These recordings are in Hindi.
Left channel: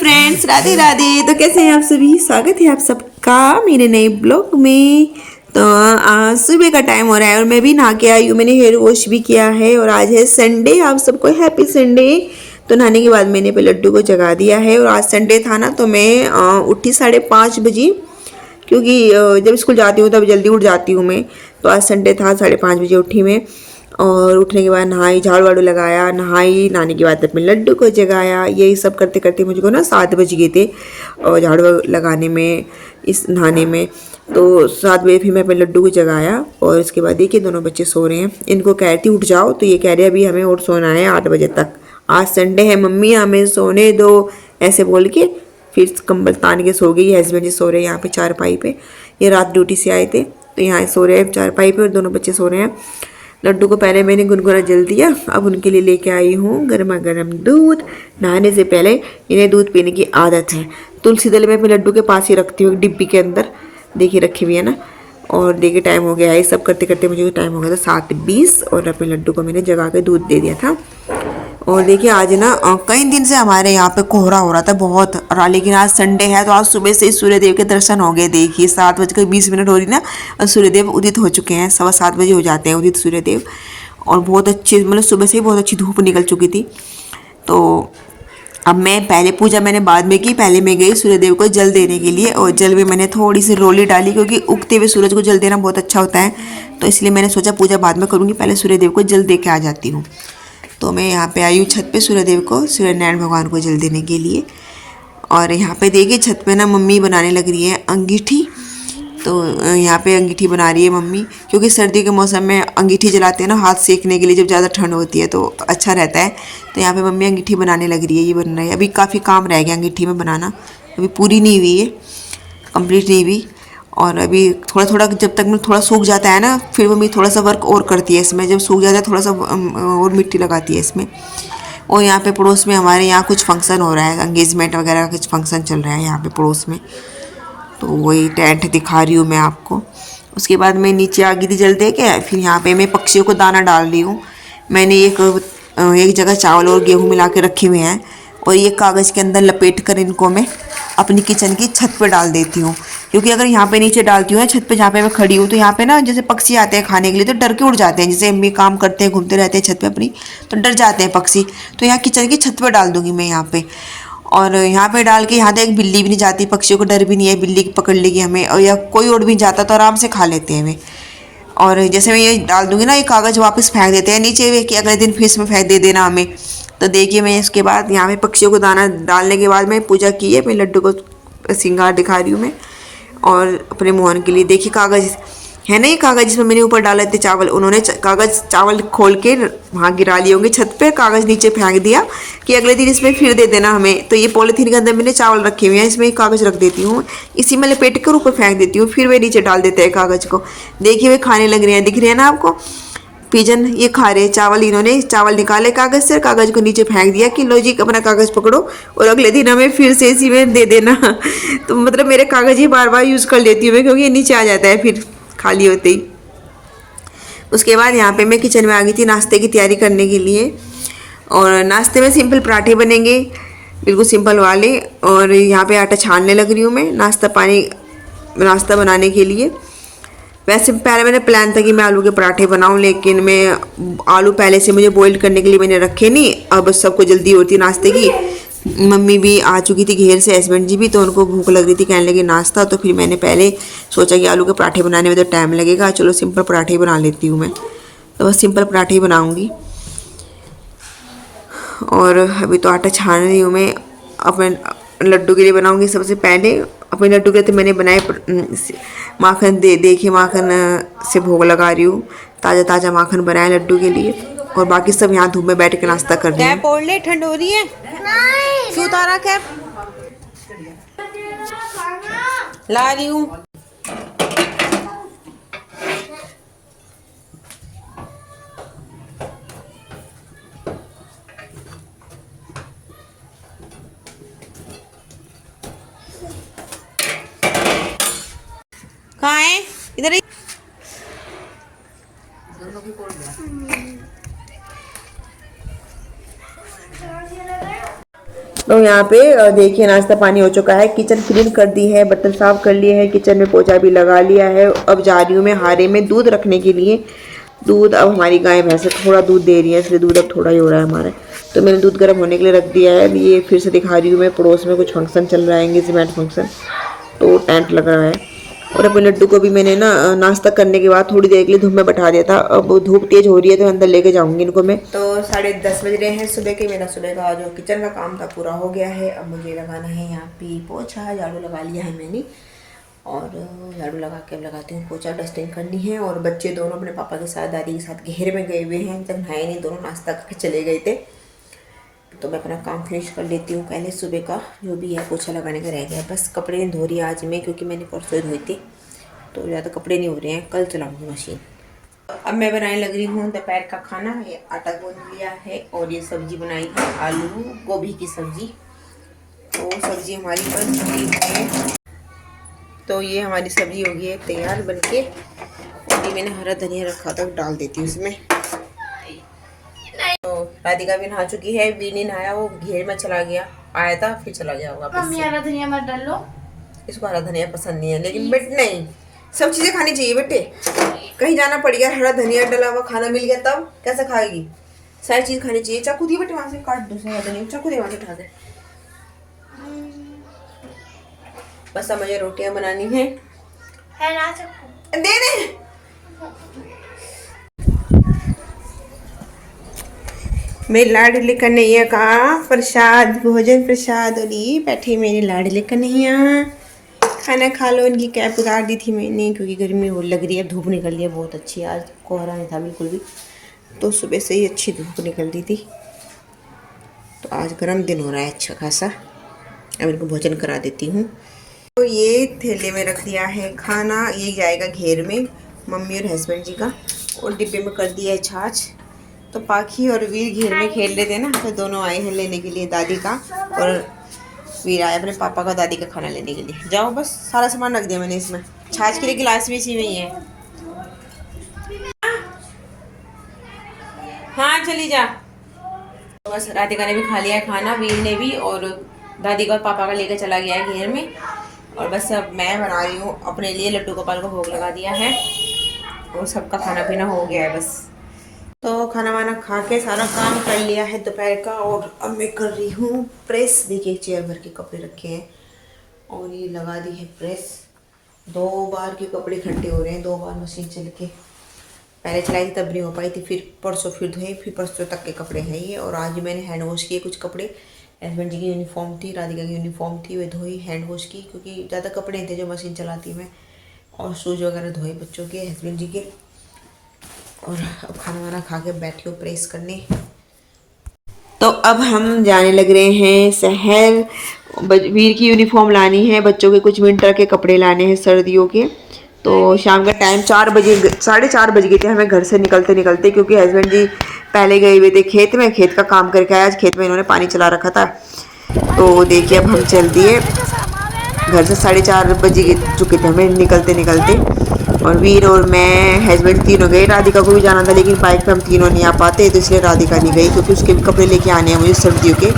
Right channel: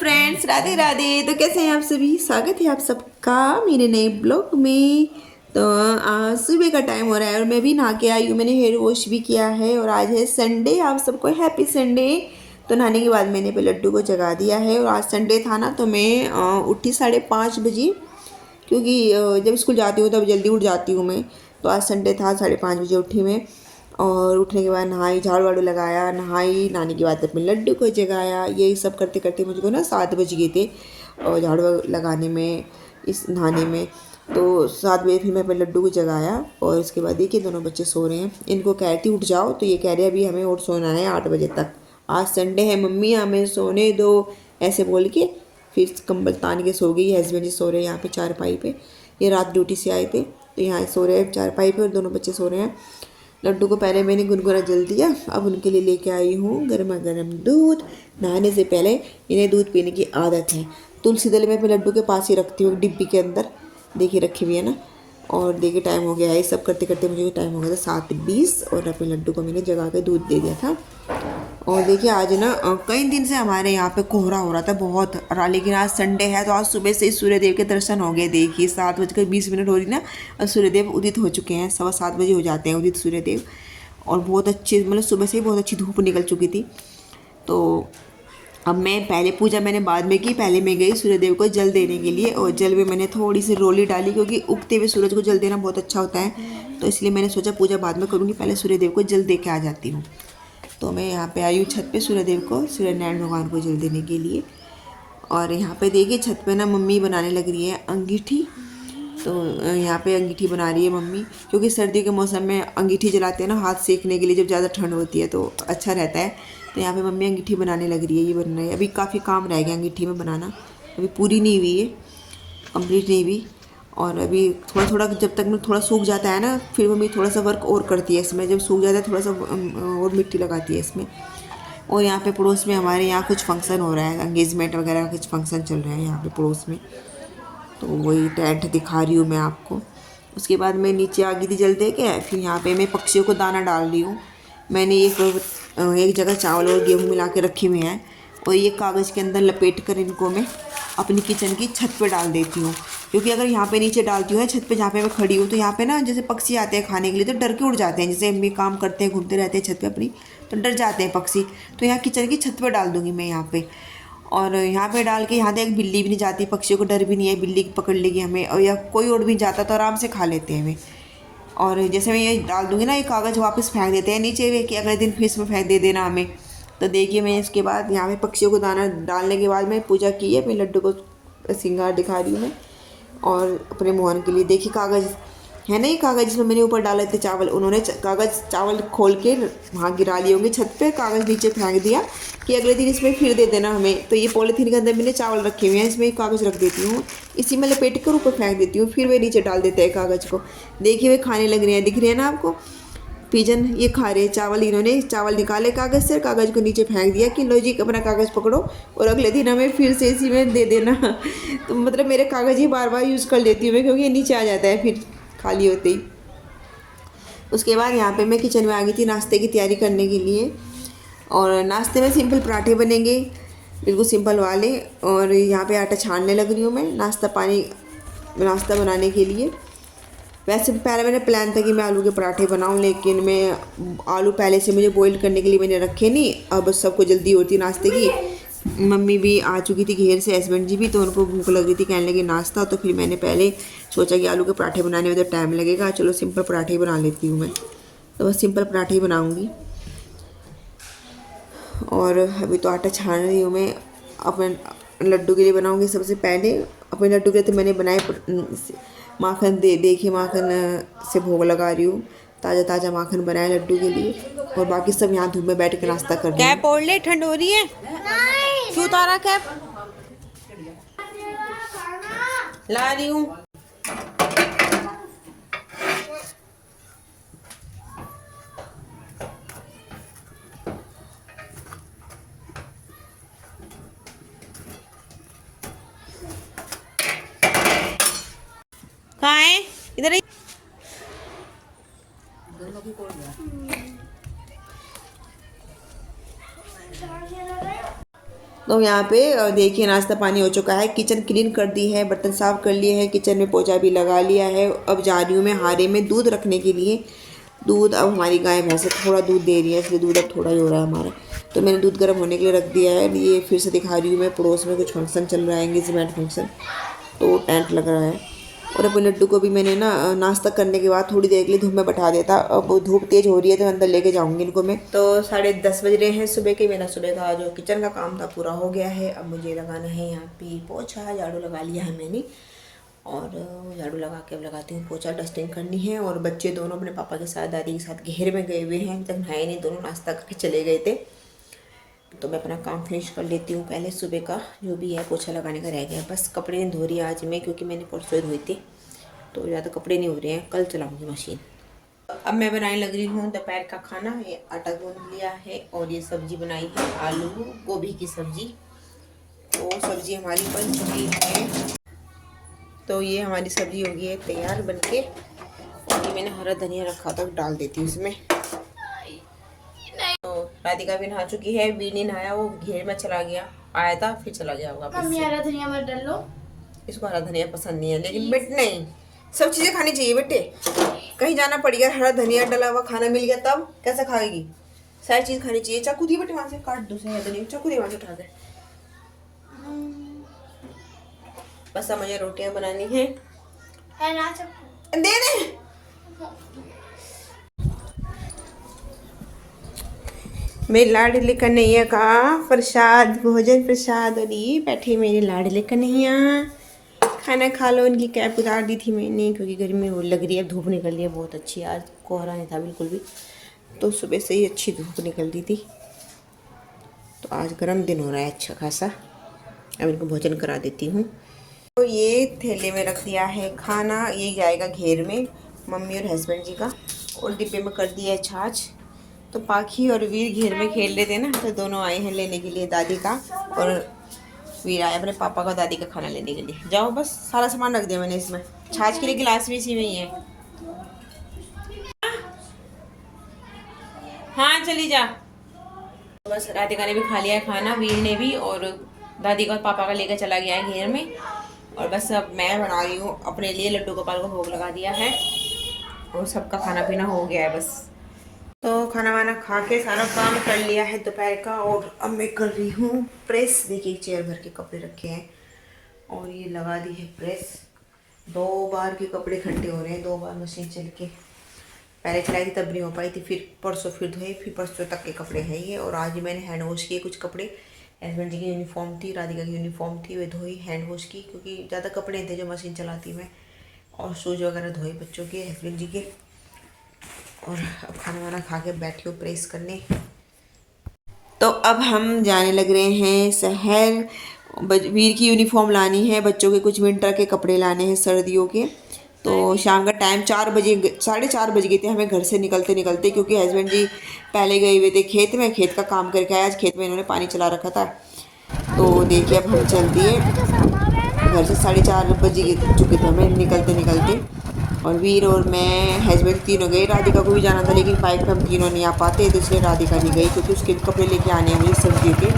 फ्रेंड्स, राधे राधे। तो कैसे हैं आप सभी? स्वागत है आप सबका मेरे नए ब्लॉग में। तो आज सुबह का टाइम हो रहा है और मैं भी नहा के आई हूँ। मैंने हेयर वॉश भी किया है और आज है संडे। आप सबको हैप्पी संडे। तो नहाने के बाद मैंने पे लड्डू को जगा दिया है और आज संडे था ना, तो मैं उठी 5:30 बजे, क्योंकि जब स्कूल जाती हूँ तब जल्दी उठ जाती हूँ मैं। तो आज संडे था, 5:30 बजे उठी मैं और उठने के बाद नहाई, झाड़ू वाड़ू लगाया, नहाने के बाद अपने लड्डू को जगाया। यही सब करते करते मुझको ना 7 बज गए थे और झाड़ू लगाने में, इस नहाने में। तो 7 बजे फिर मैं अपने लड्डू को जगाया और इसके बाद देखिए दोनों बच्चे सो रहे हैं। इनको कह रही थी उठ जाओ, तो ये कह रहे हैं अभी हमें और सोना है 8 बजे तक। आज संडे है मम्मी, हमें सोने दो, ऐसे बोल के फिर कंबल तान के सो गई। हस्बैंड जी सो रहे हैं यहाँ पे चारपाई पे। ये रात ड्यूटी से आए थे तो यहाँ सो रहे हैं चारपाई पे और दोनों बच्चे सो रहे हैं। लड्डू को पहले मैंने गुनगुना जल दिया। अब उनके लिए लेके आई हूँ गर्मा गर्म दूध। नहाने से पहले इन्हें दूध पीने की आदत है। तुलसी दल में अपने लड्डू के पास ही रखती हूँ, डिब्बी के अंदर देखिए रखी हुई है ना। और देखिए टाइम हो गया है, सब करते करते मुझे टाइम हो गया था 7:20 और अपने लड्डू को मैंने जगा के दूध दे दिया था। और देखिए आज ना कई दिन से हमारे यहाँ पे कोहरा हो रहा था बहुत, लेकिन आज संडे है तो आज सुबह से ही सूर्यदेव के दर्शन हो गए। देखिए 7:20 हो रही ना और सूर्यदेव उदित हो चुके हैं। 7:15 हो जाते हैं उदित सूर्यदेव। और बहुत अच्छी, मतलब सुबह से ही बहुत अच्छी धूप निकल चुकी थी। तो अब मैं पहले पूजा मैंने बाद में की, पहले मैं गई सूर्यदेव को जल देने के लिए और जल में मैंने थोड़ी सी रोली डाली, क्योंकि उगते हुए सूरज को जल देना बहुत अच्छा होता है। तो इसलिए मैंने सोचा पूजा बाद में करूँगी, पहले सूर्यदेव को जल दे के आ जाती हूँ। तो मैं यहाँ पे आई हूँ छत पे सूर्यदेव को, सूर्यनारायण भगवान को जल देने के लिए। और यहाँ पे देखिए छत पे ना मम्मी बनाने लग रही है अंगीठी। तो यहाँ पे अंगीठी बना रही है मम्मी, क्योंकि सर्दी के मौसम में अंगीठी जलाते हैं ना हाथ सेकने के लिए, जब ज़्यादा ठंड होती है तो अच्छा रहता है। तो यहाँ पे मम्मी अंगीठी बनाने लग रही है, ये बन रहा है। अभी काफ़ी काम रह गया अंगीठी में बनाना, अभी पूरी नहीं हुई है, कंप्लीट नहीं हुई। और अभी थोड़ा थोड़ा जब तक में थोड़ा सूख जाता है ना, फिर मम्मी थोड़ा सा वर्क और करती है इसमें। जब सूख जाता है थोड़ा सा और मिट्टी लगाती है इसमें। और यहाँ पे पड़ोस में हमारे यहाँ कुछ फंक्शन हो रहा है, एंगेजमेंट वगैरह का कुछ फंक्शन चल रहा है यहाँ पे पड़ोस में। तो वही टेंट दिखा रही हूँ मैं आपको। उसके बाद मैं नीचे आ गई थी जल दे के। फिर यहाँ पे मैं पक्षियों को दाना डाल रही हूँ। मैंने एक जगह चावल और गेहूँ मिला के रखे हुए हैं और ये कागज़ के अंदर लपेट कर इनको मैं अपनी किचन की छत पे डाल देती हूँ। क्योंकि अगर यहाँ पे नीचे डालती हूँ छत पे जहाँ पे मैं खड़ी हूँ, तो यहाँ पे ना जैसे पक्षी आते हैं खाने के लिए तो डर के उड़ जाते हैं। जैसे अम्मी काम करते हैं, घूमते रहते हैं छत पे अपनी, तो डर जाते हैं पक्षी। तो यहाँ किचन की छत पे डाल दूँगी मैं यहाँ पे। और यहाँ पे डाल के यहाँ तक एक बिल्ली भी नहीं जाती, पक्षियों को डर भी नहीं है बिल्ली पकड़ लेगी हमें, और या कोई उड़ भी जाता तो आराम से खा लेते हैं वे। और जैसे मैं ये डाल दूँगी ना, ये कागज़ वापस फेंक देते हैं नीचे वे कि अगले दिन फिर इसमें फेंक दे देना हमें। तो देखिए मैं इसके बाद यहाँ पे पक्षियों को दाना डालने के बाद मैं पूजा की है। मैं लड्डू को श्रृंगार दिखा रही हूँ मैं। और अपने मोहन के लिए देखिए कागज़ है ना, ये कागज़ जिसमें मैंने ऊपर डाले थे चावल, उन्होंने कागज़ चावल खोल के वहाँ गिरा लिए होंगे छत पे, कागज़ नीचे फेंक दिया कि अगले दिन इसमें फिर दे देना हमें। तो ये पॉलीथीन के अंदर मैंने चावल रखे हुए हैं, इसमें कागज़ रख देती हूँ, इसी में लपेट कर ऊपर फेंक देती हूँ, फिर वे नीचे डाल देते हैं कागज़ को। देखिए वे खाने लग रहे हैं, दिख रहे हैं ना आपको पिजन, ये खा रहे हैं चावल। इन्होंने चावल निकाले कागज़ से, कागज़ को नीचे फेंक दिया कि लो जी अपना कागज़ पकड़ो और अगले दिन हमें फिर से इसी में दे देना। तो मतलब मेरे कागज़ ही बार बार यूज़ कर लेती हूँ मैं, क्योंकि ये नीचे आ जाता है फिर खाली होते ही। उसके बाद यहाँ पे मैं किचन में आ गई थी नाश्ते की तैयारी करने के लिए। और नाश्ते में सिंपल पराठे बनेंगे, बिल्कुल सिंपल वाले। और यहाँ पे आटा छानने लग रही हूँ मैं नाश्ता बनाने के लिए। वैसे पहले मैंने प्लान था कि मैं आलू के पराठे बनाऊं, लेकिन मैं आलू पहले से मुझे बॉईल करने के लिए मैंने रखे नहीं। अब सबको जल्दी होती है नाश्ते की। मम्मी भी आ चुकी थी घेर से, हस्बैंड जी भी, तो उनको भूख लग रही थी, कहने लगे नाश्ता। तो फिर मैंने पहले सोचा कि आलू के पराठे बनाने में तो टाइम लगेगा, चलो सिंपल पराठे ही बना लेती हूँ मैं। तो बस सिंपल पराठे ही बनाऊँगी। और अभी तो आटा छान रही हूँ मैं, अपने लड्डू के लिए बनाऊँगी। सबसे पहले अपने लड्डू के लिए तो मैंने बनाए माखन देखिए माखन से भोग लगा रही हूँ। ताज़ा ताज़ा माखन बनाया लड्डू के लिए। और बाकी सब यहाँ धूप में बैठ के नाश्ता कर रही हैं। कैप ओढ़ ले, ठंड हो रही है। क्यों उतारा कैप? ला रही हूँ। कहाँ है? इधर ही। तो यहाँ पे देखिए नाश्ता पानी हो चुका है, किचन क्लीन कर दी है, बर्तन साफ कर लिए हैं, किचन में पोछा भी लगा लिया है। अब जा रही हूँ मैं हारे में दूध रखने के लिए। दूध अब हमारी गाय भैंस थोड़ा दूध दे रही है, इसलिए दूध अब थोड़ा ही हो रहा है हमारा। तो मैंने दूध गर्म होने के लिए रख दिया है। ये फिर से दिखा रही हूँ मैं, पड़ोस में कुछ फंक्शन चल रहा है, एंगेजमेंट फंक्शन, तो टेंट लग रहा है। और अपने लड्डू को भी मैंने ना नाश्ता करने के बाद थोड़ी देर के लिए धूप में बैठा दिया था। अब धूप तेज हो रही है तो अंदर लेके जाऊंगी इनको मैं। तो 10:30 बज रहे हैं सुबह के। मेरा सुबह का जो किचन का काम था पूरा हो गया है। अब मुझे लगाना है यहाँ पे पोछा। झाड़ू लगा लिया है मैंने, और झाड़ू लगा के लगाती हूँ पोछा, डस्टिंग करनी है। और बच्चे दोनों अपने पापा के साथ, दादी के साथ घेर में गए हुए हैं, तक नहाए नहीं, दोनों नाश्ता करके चले गए थे। तो मैं अपना काम फिनिश कर लेती हूँ पहले। सुबह का जो भी है पोछा लगाने का रह गया, बस कपड़े नहीं धो रही आज मैं, क्योंकि मैंने परसों धोई थी, तो ज़्यादा कपड़े नहीं हो रहे हैं, कल चलाऊँगी मशीन। अब मैं बनाने लग रही हूँ दोपहर का खाना। ये आटा गूंद लिया है और ये सब्जी बनाई है, आलू गोभी की सब्जी। तो सब्जी हमारी बन चुकी है। तो ये हमारी सब्जी हो गई है तैयार बनके। और ये मैंने हरा धनिया रखा था, डाल देती हूँ इसमें। तो राधिका भी नहा चुकी है, वीर नहीं नहाया, वो घेर में चला गया, आया था फिर चला गया होगा। मम्मी हरा धनिया मत डालो। इसको हरा धनिया पसंद नहीं है, लेकिन बेट नहीं, सब चीजें खानी चाहिए बेटे। कहीं जाना पड़ गया, हरा धनिया डला हुआ खाना मिल गया, तब कैसा खाएगी? सारी चीज खानी चाहिए। चाकू दिए बेटे, वहां से काट दो हरा धनिया, चाकू दे वहां से उठा के। बस अब मुझे रोटियां बनानी है ना चाकू दे दे। मेरी लाडली कन्हैया का प्रसाद, भोजन प्रसाद। और ये बैठे मेरी लाडली कन्हैया, खाना खा लो। इनकी कैप उतार दी थी मैंने, क्योंकि गर्मी हो लग रही है, धूप निकल रही है बहुत अच्छी। आज कोहरा नहीं था बिल्कुल भी, तो सुबह से ही अच्छी धूप निकल रही थी। तो आज गर्म दिन हो रहा है अच्छा खासा। अब इनको भोजन करा देती हूँ। तो ये थैले में रख दिया है खाना, ये जाएगा घेर में मम्मी और हस्बैंड जी का। और डिब्बे में कर दिया है छाछ। तो पाखी और वीर घेर में खेल रहे थे ना, तो दोनों आए हैं लेने के लिए दादी का, और वीर आया अपने पापा का दादी का खाना लेने के लिए। जाओ, बस सारा सामान रख दिया मैंने इसमें। छाछ के लिए गिलास भी इसी में ही है। हाँ चली जा। तो बस राधिका ने भी खा लिया है खाना, वीर ने भी, और दादी का और पापा का लेकर चला गया है घेर में। और बस अब मैं बना रही हूँ अपने लिए, लड्डू गोपाल को भोग लगा दिया है, और सबका खाना पीना हो गया है बस। तो खाना वाना खा के सारा काम कर लिया है दोपहर का। और अब मैं कर रही हूँ प्रेस। देखिए चेयर भर के कपड़े रखे हैं, और ये लगा दी है प्रेस। 2 बार के कपड़े इकट्ठे हो रहे हैं, 2 बार मशीन चल के। पहले चलाई थी तब नहीं हो पाई थी, फिर परसों फिर धोए, फिर परसों तक के कपड़े हैं ये। और आज मैंने हैंड वॉश किए कुछ कपड़े। हस्बैंड जी की यूनिफॉर्म थी, राधिका की यूनिफॉर्म थी, वे धोई हैंड वॉश की, क्योंकि ज़्यादा कपड़े थे जो मशीन चलाती मैं। और शूज़ वगैरह धोए बच्चों के, हस्बैंड जी के। और अब खाना वाना खा के बैठ के प्रेस करने। तो अब हम जाने लग रहे हैं शहर। वीर की यूनिफॉर्म लानी है, बच्चों के कुछ विंटर के कपड़े लाने हैं सर्दियों के। तो शाम का टाइम 4 बजे, 4:30 बज गए थे हमें घर से निकलते निकलते, क्योंकि हस्बैंड जी पहले गए हुए थे खेत में, खेत का काम करके आए। आज खेत में इन्होंने पानी चला रखा था। तो देखिए अब हम चल दिए घर से, 4:30 बज चुके थे हमें निकलते निकलते। और वीर और मैं, हस्बैंड तीनों गए। राधिका को भी जाना था, लेकिन बाइक पे हम तीनों नहीं आ पाते, तो इसलिए राधिका नहीं गई, क्योंकि उसके भी कपड़े लेके आने हैं मुझे सर्दियों के।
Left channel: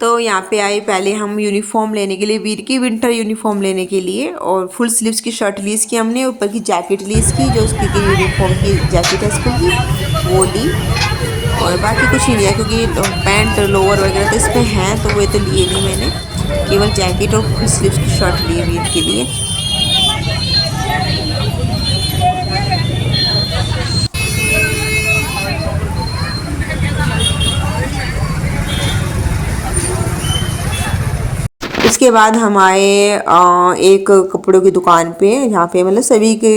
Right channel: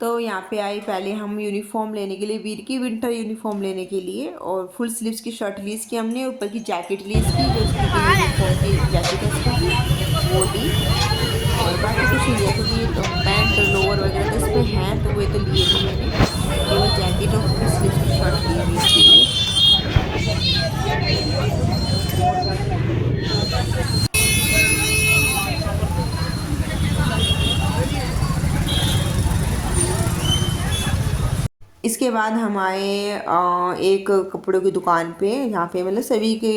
तो यहाँ पे आए पहले हम यूनिफॉर्म लेने के लिए, वीर की विंटर यूनिफॉर्म लेने के लिए। और फुल स्लीव्स की शर्ट ली इसकी हमने, ऊपर की जैकेट ली इसकी, जो उसकी यूनिफॉर्म की जैकेट है स्कूल की, वो ली। और बाकी कुछ नहीं लिया, क्योंकि पैंट लोअर वगैरह तो इस पर हैं, तो वे तो लिए नहीं मैंने, केवल जैकेट और फुल स्लीव्स की शर्ट ली वीर के लिए। उसके बाद हम आए एक कपड़ों की दुकान पे, जहाँ पे मतलब सभी के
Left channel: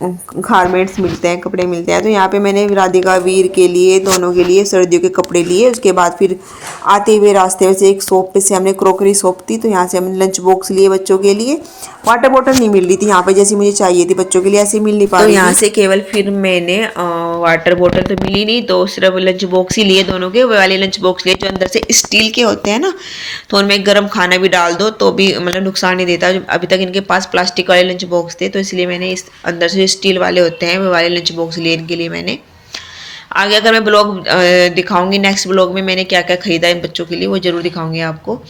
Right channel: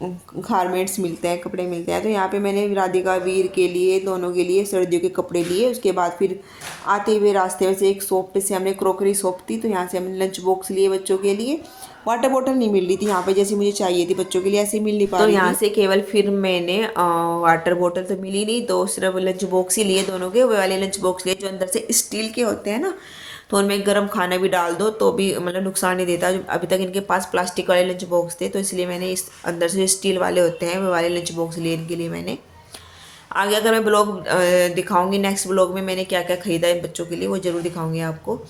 गारमेंट्स मिलते हैं, कपड़े मिलते हैं। तो यहाँ पे मैंने राधिका वीर के लिए, दोनों के लिए सर्दियों के कपड़े लिए। उसके बाद फिर आते हुए रास्ते में से एक शॉप पे से हमने क्रॉकरी शॉप थी, तो यहाँ से हमने लंच बॉक्स लिए बच्चों के लिए। वाटर बॉटल नहीं मिल रही थी यहाँ पे जैसी मुझे चाहिए थी बच्चों के लिए, ऐसी मिल नहीं पा रही। तो यहाँ से केवल फिर मैंने वाटर बॉटल तो मिली नहीं, तो सिर्फ लंच बॉक्स ही लिए दोनों के। वो वाले लंच बॉक्स लिए जो अंदर से स्टील के होते हैं ना, तो उनमें गर्म खाना भी डाल दो तो भी मतलब नुकसान नहीं देता। अभी तक इनके पास प्लास्टिक वाले लंच बॉक्स थे, तो इसलिए मैंने इस अंदर से स्टील वाले होते हैं वो वाले लंच बॉक्स लिए इनके लिए मैंने। आगे अगर मैं ब्लॉग दिखाऊंगी नेक्स्ट ब्लॉग में मैंने क्या क्या ख़रीदा इन बच्चों के लिए, वो ज़रूर दिखाऊंगी आपको।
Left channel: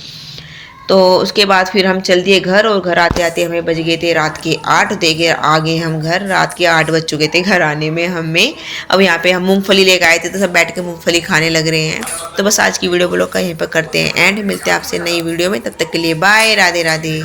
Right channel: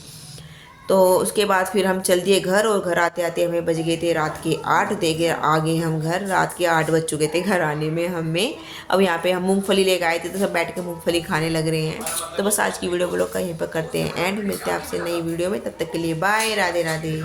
तो उसके बाद फिर हम चल दिए घर, और घर आते आते हमें बज गए थे रात के 8। देखे आ गए हम घर, रात के 8 बज चुके थे घर आने में हमें। अब यहाँ पे हम मूंगफली लेकर आए थे, तो सब बैठ के मूंगफली खाने लग रहे हैं। तो बस आज की वीडियो ब्लॉग का यहीं पर करते हैं एंड, मिलते हैं आपसे नई वीडियो में। तब तक के लिए बाय, राधे राधे।